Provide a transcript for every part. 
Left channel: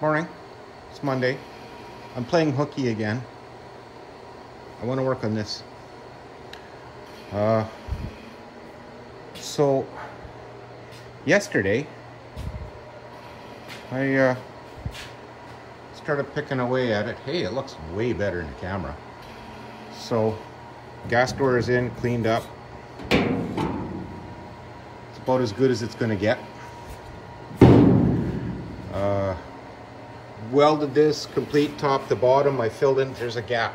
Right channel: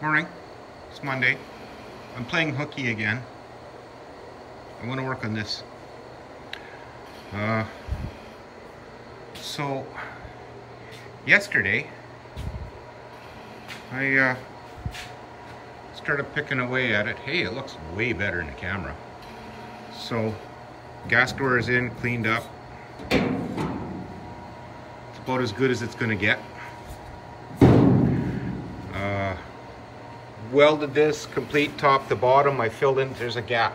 Morning. It's Monday. I'm playing hooky again. I want to work on this. So yesterday I started picking away at it. Hey, it looks way better in the camera. So gas door is in, cleaned up. It's about as good as it's going to get. Welded this complete top to bottom. I filled in, there's a gap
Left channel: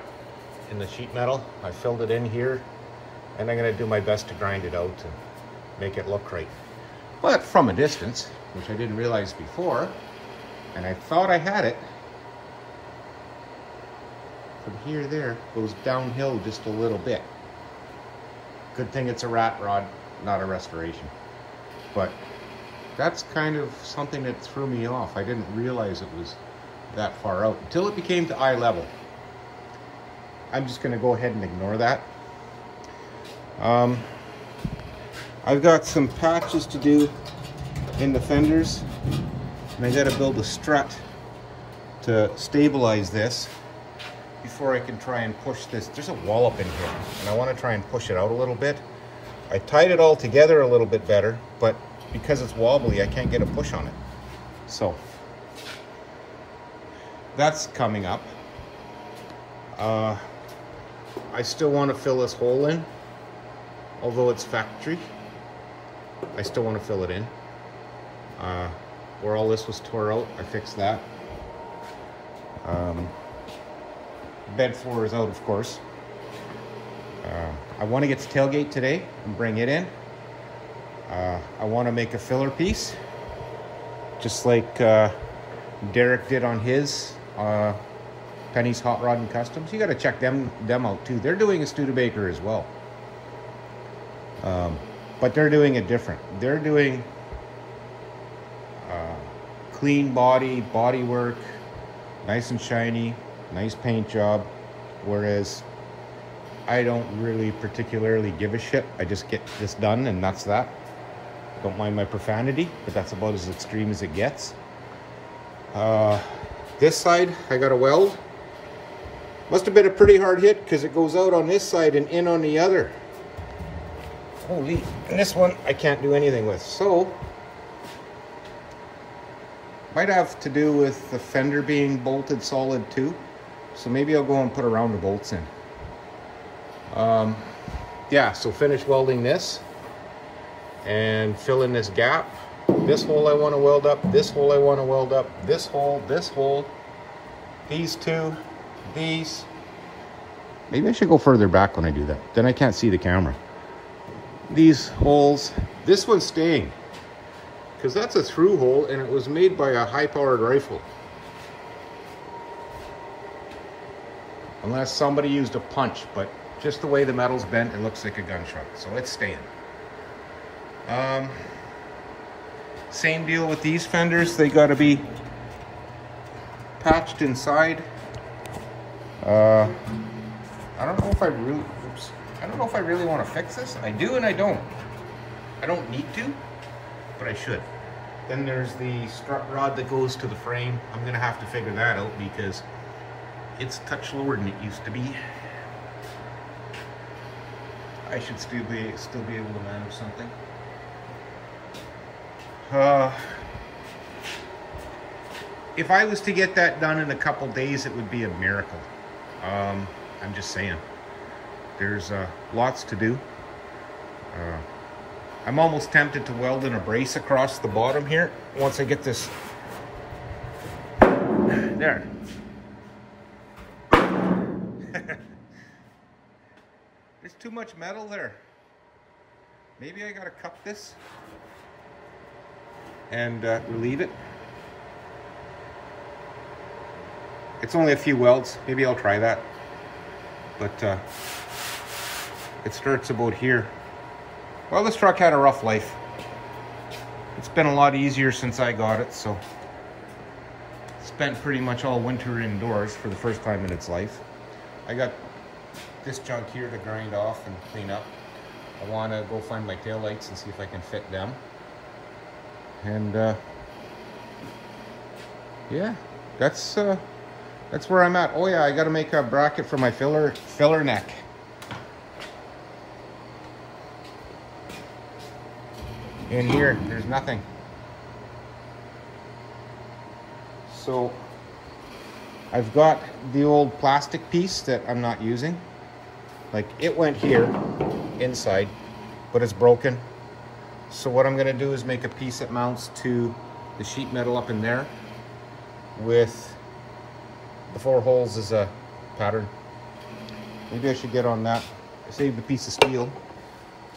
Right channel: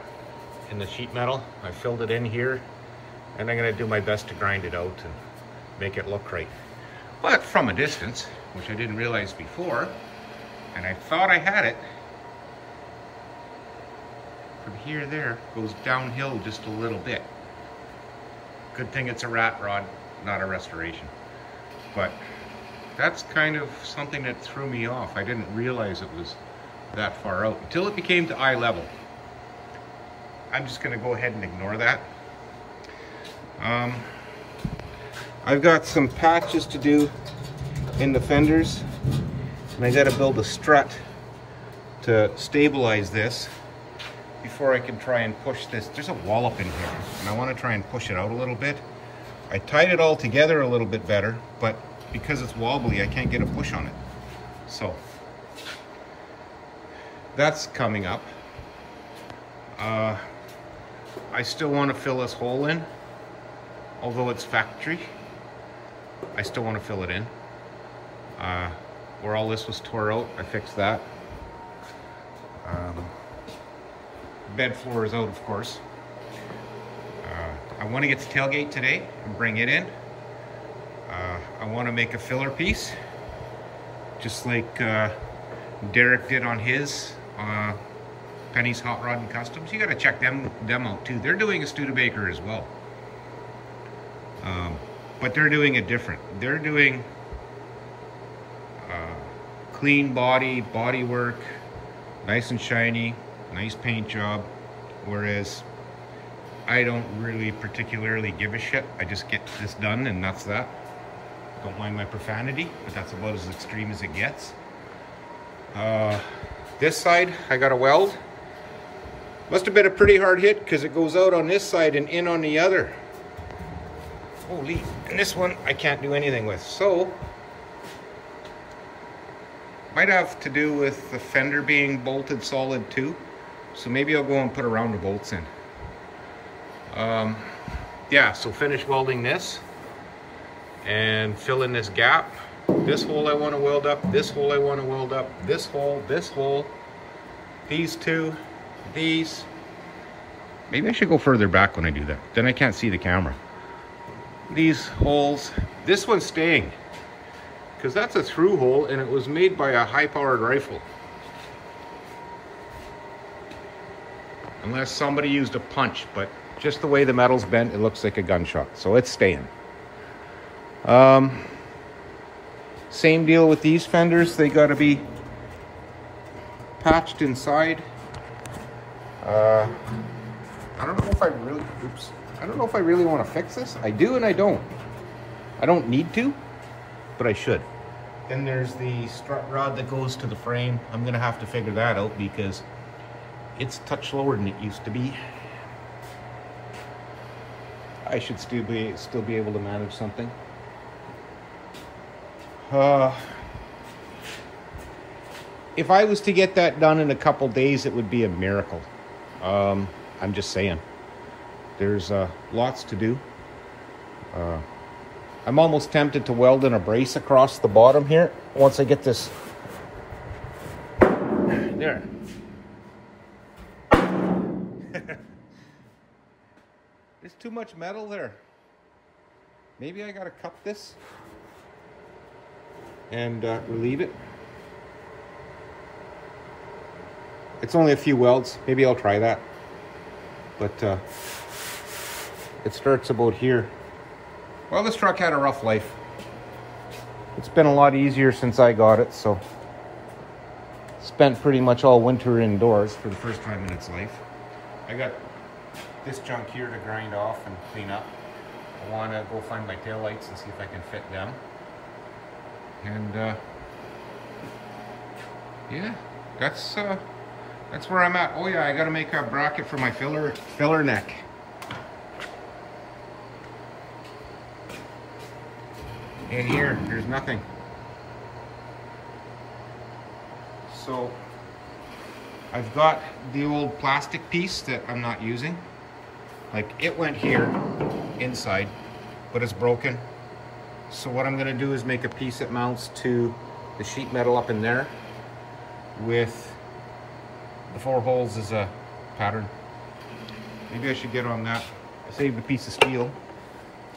in the sheet metal. I filled it in here, and I'm going to do my best to grind it out and make it look right. But from a distance, which I didn't realize before, and I thought I had it, from here to there goes downhill just a little bit. Good thing it's a rat rod, not a restoration. But that's kind of something that threw me off. I didn't realize it was that far out until it became to eye level. I'm just going to go ahead and ignore that. I've got some patches to do in the fenders, and I got to build a strut to stabilize this before I can try and push this. There's a wallop in here, and I want to try and push it out a little bit. I tied it all together a little bit better, but because it's wobbly, I can't get a push on it. So that's coming up. I still want to fill this hole in, although it's factory. I still want to fill it in. Where all this was tore out, I fixed that. Bed floor is out, of course. I want to get the tailgate today and bring it in. I want to make a filler piece, just like Derek did on his Penny's Hot Rod and Customs. You got to check them out too. They're doing a Studebaker as well, but they're doing it different. They're doing clean body work, nice and shiny, nice paint job, whereas I don't really particularly give a shit. I just get this done and that's that. Don't mind my profanity, but that's about as extreme as it gets. This side, I got a weld. Must have been a pretty hard hit because it goes out on this side and in on the other. Holy, and this one I can't do anything with. So, might have to do with the fender being bolted solid too. So maybe I'll go and put a round of bolts in. Yeah, so finish welding this and fill in this gap. This hole I want to weld up, this hole I want to weld up, this hole, these two, these. Maybe I should go further back when I do that. Then I can't see the camera. These holes, this one's staying because that's a through hole and it was made by a high-powered rifle. Unless somebody used a punch, but just the way the metal's bent, it looks like a gunshot. So it's staying. Same deal with these fenders. They got to be patched inside. I don't know if I really, I don't know if I really want to fix this. I do and I don't. I don't need to, but I should. Then there's the strut rod that goes to the frame. I'm going to have to figure that out because it's a touch lower than it used to be. I should still be able to manage something. If I was to get that done in a couple days, it would be a miracle. I'm just saying. There's lots to do. I'm almost tempted to weld in a brace across the bottom here once I get this. There. There's too much metal there. Maybe I gotta cup this and relieve it. It's only a few welds. Maybe I'll try that. But it starts about here. Well, this truck had a rough life. It's been a lot easier since I got it, so spent pretty much all winter indoors for the first time in its life. I got this junk here to grind off and clean up. I want to go find my taillights and see if I can fit them. And yeah, That's where I'm at. Oh yeah, I gotta make a bracket for my filler neck. In here, there's nothing. So I've got the old plastic piece that I'm not using. Like, it went here inside, but it's broken. So what I'm gonna do is make a piece that mounts to the sheet metal up in there with the 4 holes as a pattern. Maybe I should get on that. I saved a piece of steel,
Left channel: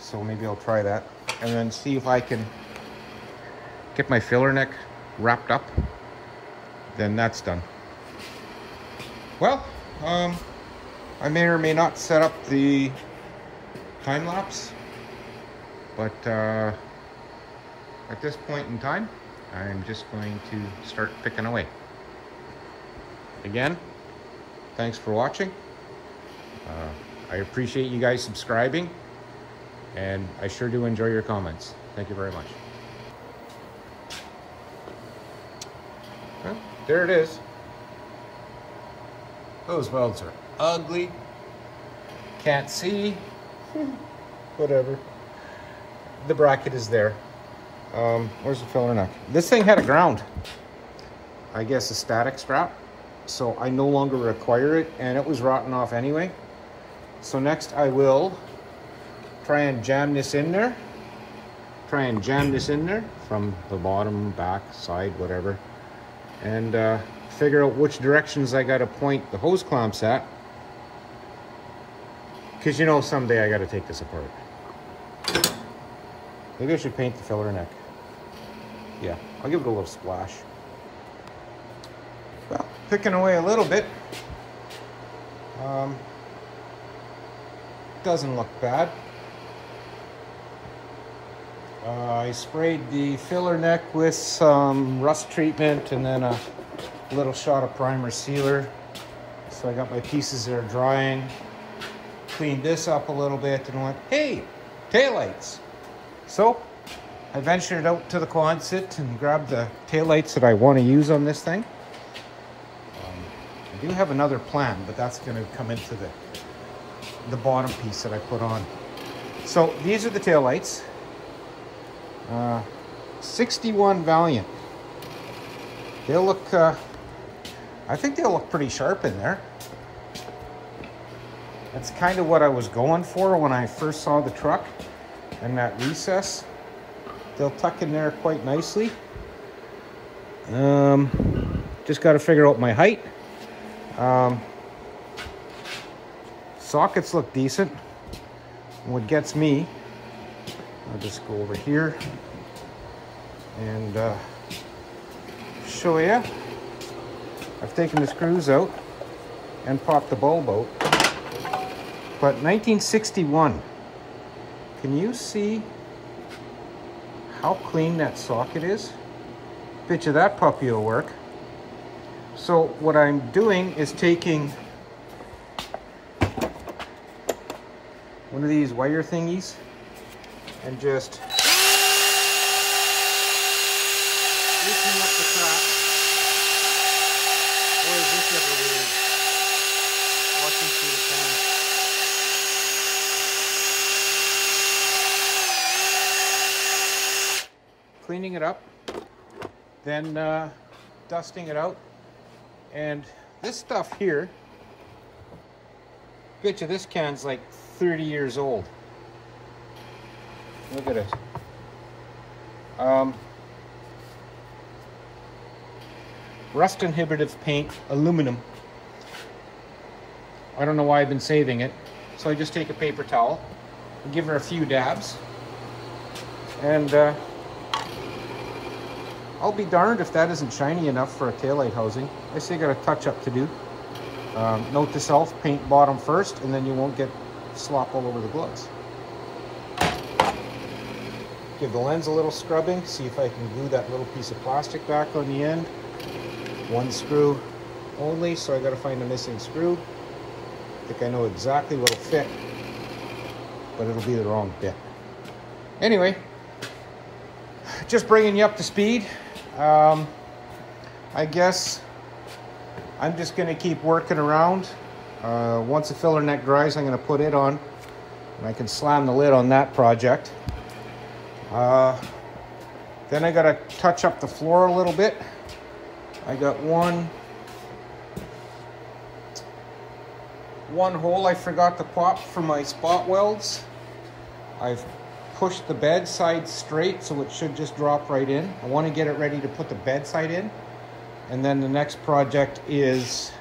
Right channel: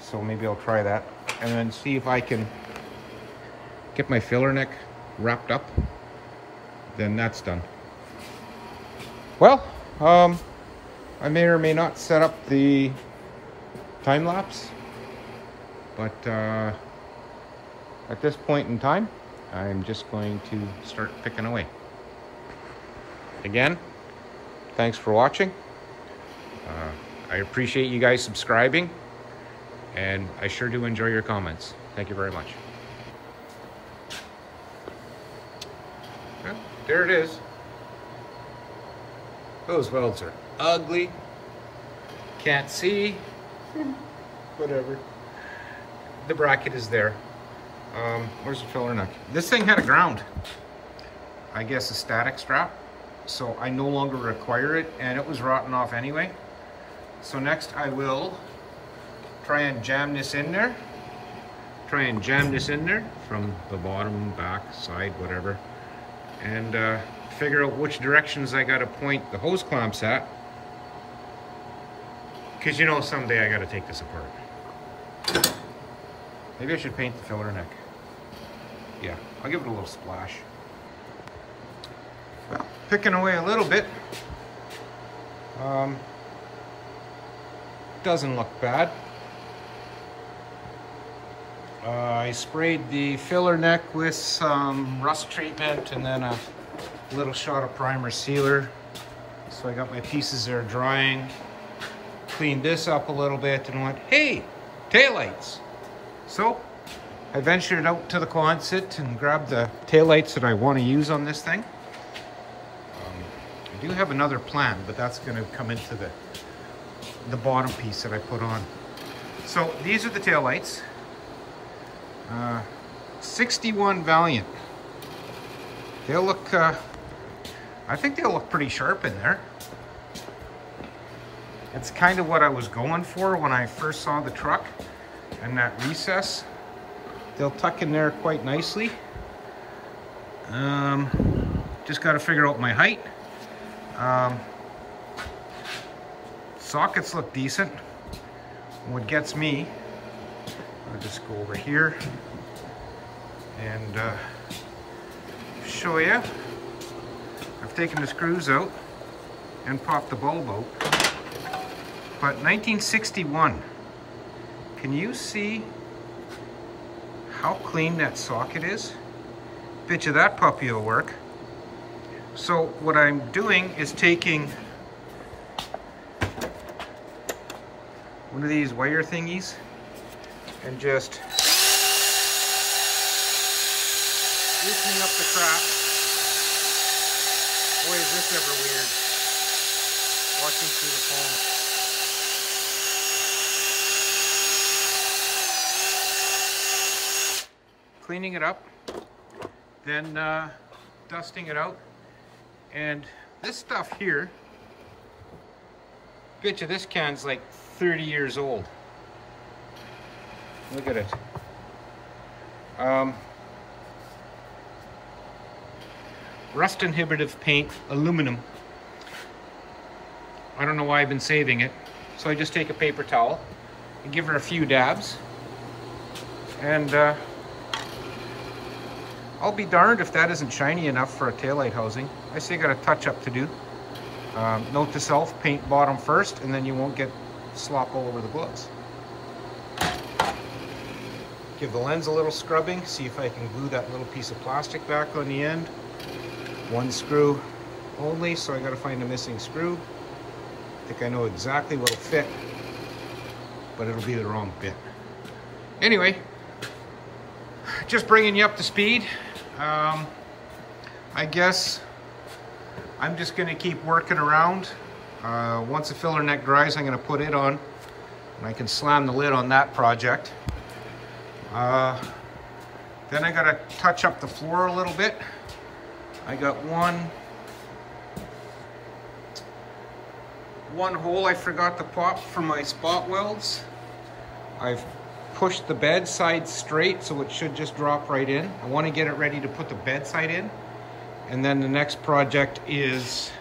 so maybe I'll try that. And then see if I can get my filler neck wrapped up. Then that's done. Well, I may or may not set up the time lapse, but at this point in time, I'm just going to start picking away. Again, thanks for watching. I appreciate you guys subscribing, and I sure do enjoy your comments. Thank you very much. Well, there it is. Those welds are ugly. Can't see. Whatever. The bracket is there. Where's the filler neck? This thing had a ground. I guess a static strap. So I no longer require it, and it was rotting off anyway. So next I will try and jam this in there. Try and jam this in there from the bottom, back, side, whatever. And figure out which directions I gotta point the hose clamps at. Because you know someday I gotta take this apart. Maybe I should paint the filler neck. Yeah, I'll give it a little splash. Well, picking away a little bit. Doesn't look bad. I sprayed the filler neck with some rust treatment and then a little shot of primer sealer. So I got my pieces there drying. Cleaned this up a little bit and went, hey, taillights. So I ventured out to the Quonset and grabbed the taillights that I want to use on this thing. I do have another plan, but that's going to come into the bottom piece that I put on. So these are the taillights. 61 Valiant. They'll look, I think they'll look pretty sharp in there. That's kind of what I was going for when I first saw the truck and that recess. They'll tuck in there quite nicely. Just got to figure out my height. Sockets look decent. What gets me, I'll just go over here and show you. I've taken the screws out and popped the bulb out. But 1961, can you see how clean that socket is? Bet you that puppy will work. So what I'm doing is taking one of these wire thingies and just loosening up the crap. Boy, is this ever weird. Watching through the phone. Cleaning it up, then dusting it out. And this stuff here, bet you this can's like 30 years old. Look at it. Rust inhibitive paint, aluminum. I don't know why I've been saving it. So I just take a paper towel and give her a few dabs. And I'll be darned if that isn't shiny enough for a taillight housing. I still got a touch up to do. Note to self, paint bottom first, and then you won't get slop all over the gloves. Give the lens a little scrubbing, see if I can glue that little piece of plastic back on the end. One screw only, so I gotta find a missing screw. I think I know exactly what'll fit, but it'll be the wrong bit. Anyway, just bringing you up to speed. I guess I'm just going to keep working around. Once the filler neck dries, I'm going to put it on, and I can slam the lid on that project. Then I got to touch up the floor a little bit. I got one hole I forgot to pop for my spot welds. I've pushed the bed side straight, so it should just drop right in. I want to get it ready to put the bed side in. And then the next project is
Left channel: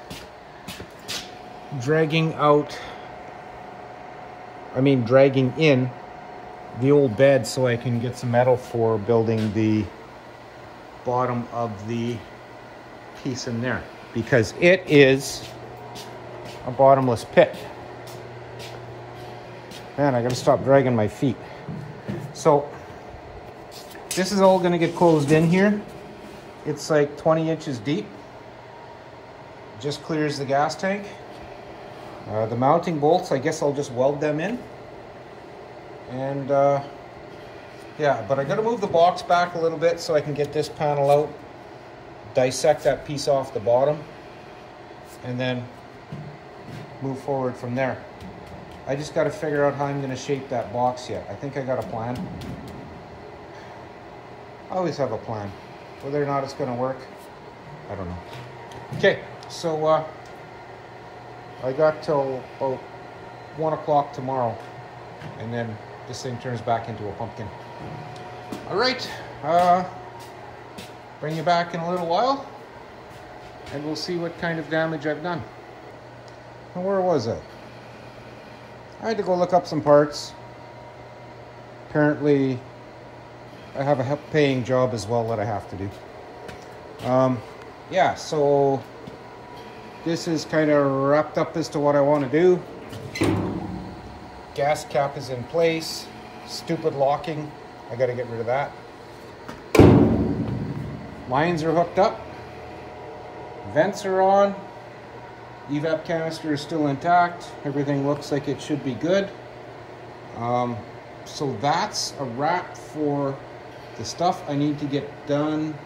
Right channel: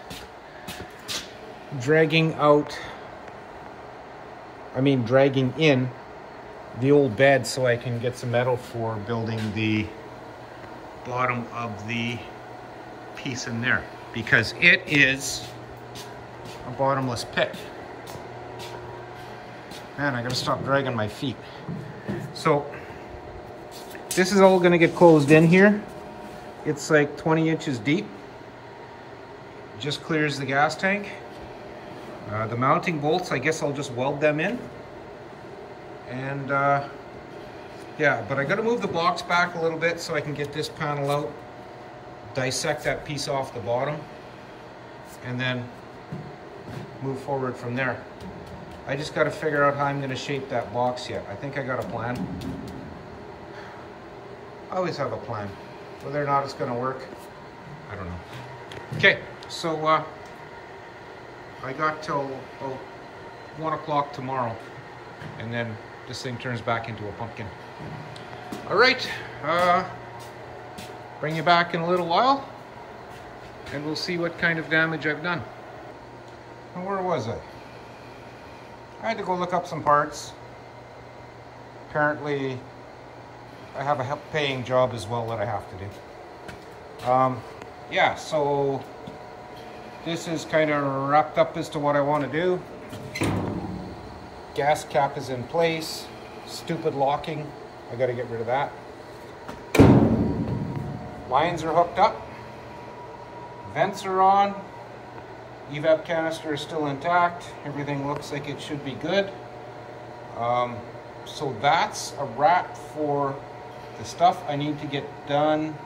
dragging in the old bed so I can get some metal for building the bottom of the piece in there, because it is a bottomless pit. Man, I gotta stop dragging my feet. So this is all gonna get closed in here. It's like 20 inches deep. Just clears the gas tank. The mounting bolts, I guess I'll just weld them in. And yeah, but I gotta move the box back a little bit so I can get this panel out, dissect that piece off the bottom, and then move forward from there. I just got to figure out how I'm going to shape that box yet. I think I got a plan. I always have a plan. Whether or not it's going to work, I don't know. Okay, so I got till about 1 o'clock tomorrow, and then this thing turns back into a pumpkin. All right, bring you back in a little while, and we'll see what kind of damage I've done. Where was I? I had to go look up some parts. Apparently, I have a paying job as well that I have to do. Yeah, so this is kind of wrapped up as to what I want to do. Gas cap is in place. Stupid locking. I got to get rid of that. Lines are hooked up. Vents are on. Evap canister is still intact. Everything looks like it should be good. So that's a wrap for the stuff I need to get done.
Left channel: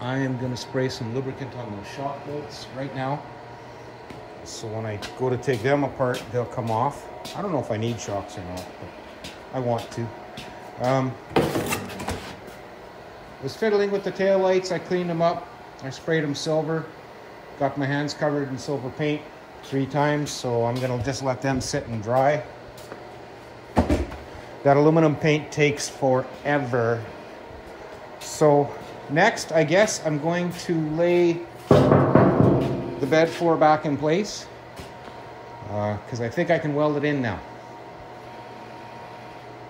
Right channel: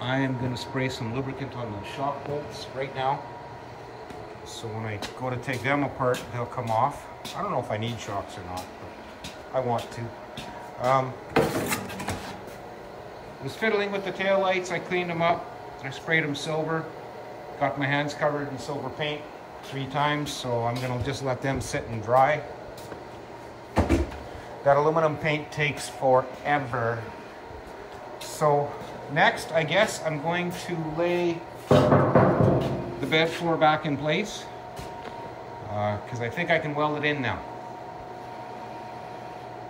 I am going to spray some lubricant on the shock bolts right now. So when I go to take them apart, they'll come off. I don't know if I need shocks or not, but I want to. Was fiddling with the tail lights. I cleaned them up. I sprayed them silver. Got my hands covered in silver paint 3 times, so I'm gonna just let them sit and dry. That aluminum paint takes forever. So next, I guess I'm going to lay the bed floor back in place, because I think I can weld it in now.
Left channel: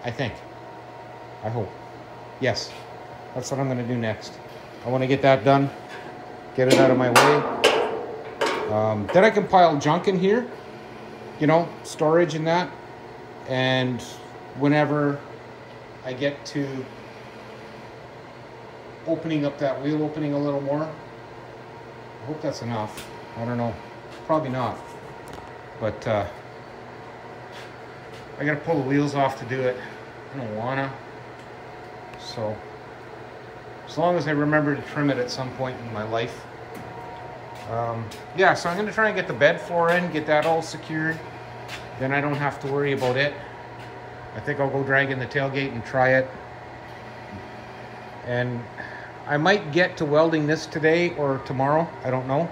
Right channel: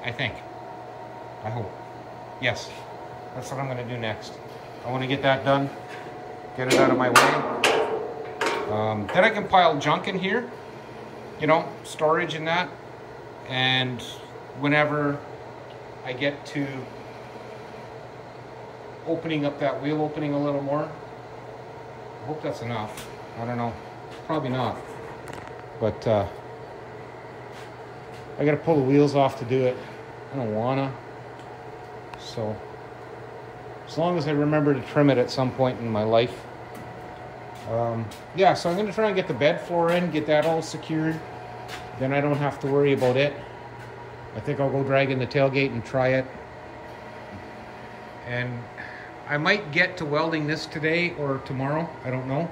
I think. I hope. Yes, that's what I'm gonna do next. I wanna get that done, get it out of my way. Then I can pile junk in here, you know, storage and that. And whenever I get to opening up that wheel opening a little more, I hope that's enough. I don't know, probably not. But I gotta pull the wheels off to do it. I don't wanna. So as long as I remember to trim it at some point in my life. Yeah, so I'm going to try and get the bed floor in, get that all secured. Then I don't have to worry about it. I think I'll go drag in the tailgate and try it. And I might get to welding this today or tomorrow. I don't know.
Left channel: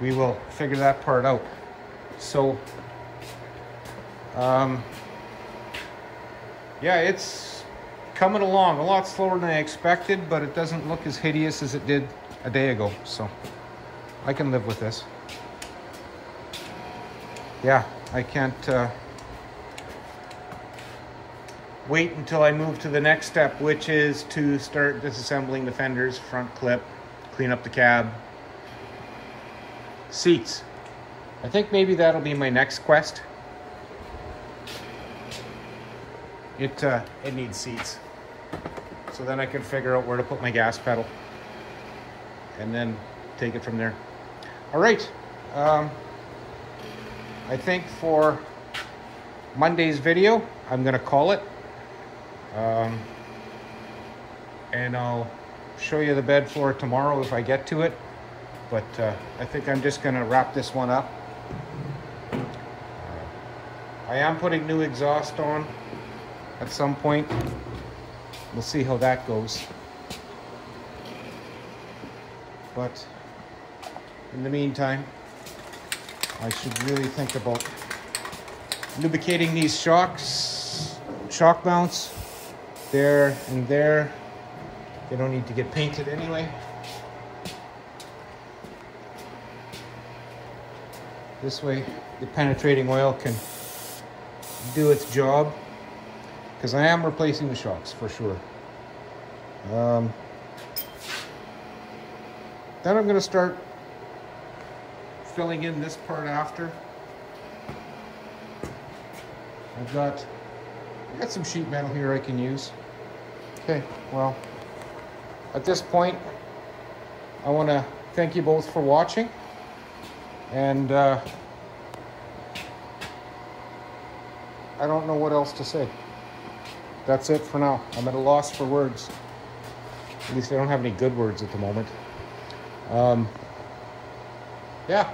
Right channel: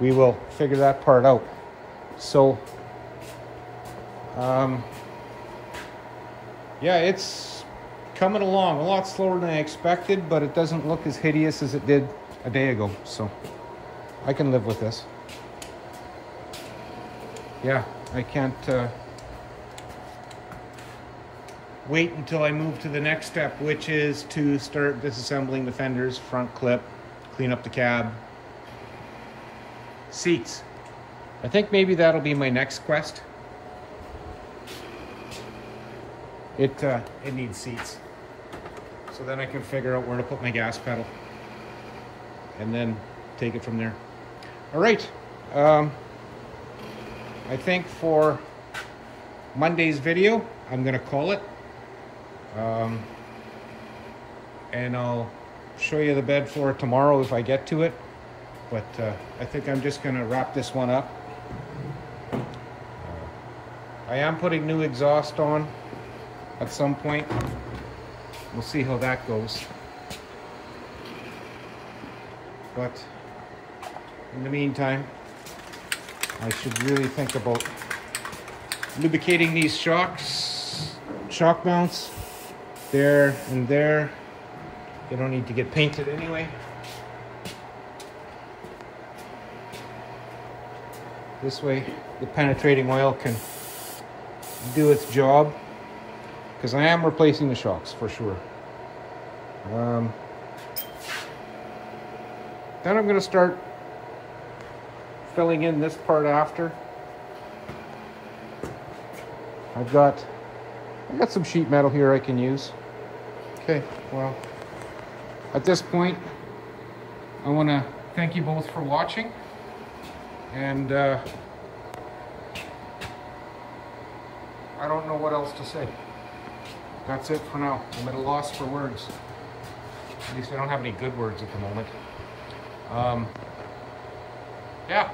We will figure that part out. So, yeah, it's coming along a lot slower than I expected, but it doesn't look as hideous as it did a day ago, so I can live with this. Yeah, I can't wait until I move to the next step, which is to start disassembling the fenders, front clip, clean up the cab, seats. I think maybe that'll be my next quest. It needs seats. So then I can figure out where to put my gas pedal, and then take it from there. All right, I think for Monday's video, I'm gonna call it. And I'll show you the bed floor tomorrow if I get to it. But I think I'm just going to wrap this one up. I am putting new exhaust on at some point. We'll see how that goes. But in the meantime, I should really think about lubricating these shock mounts there and there. They don't need to get painted anyway. This way the penetrating oil can do its job, because I am replacing the shocks for sure. Then I'm going to start filling in this part after. I've got some sheet metal here I can use. Okay, well, at this point, I want to thank you both for watching, and I don't know what else to say. That's it for now. I'm at a loss for words. At least I don't have any good words at the moment. Yeah,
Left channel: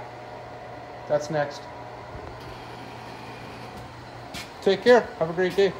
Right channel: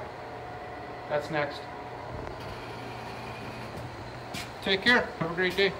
that's next. Take care. Have a great day.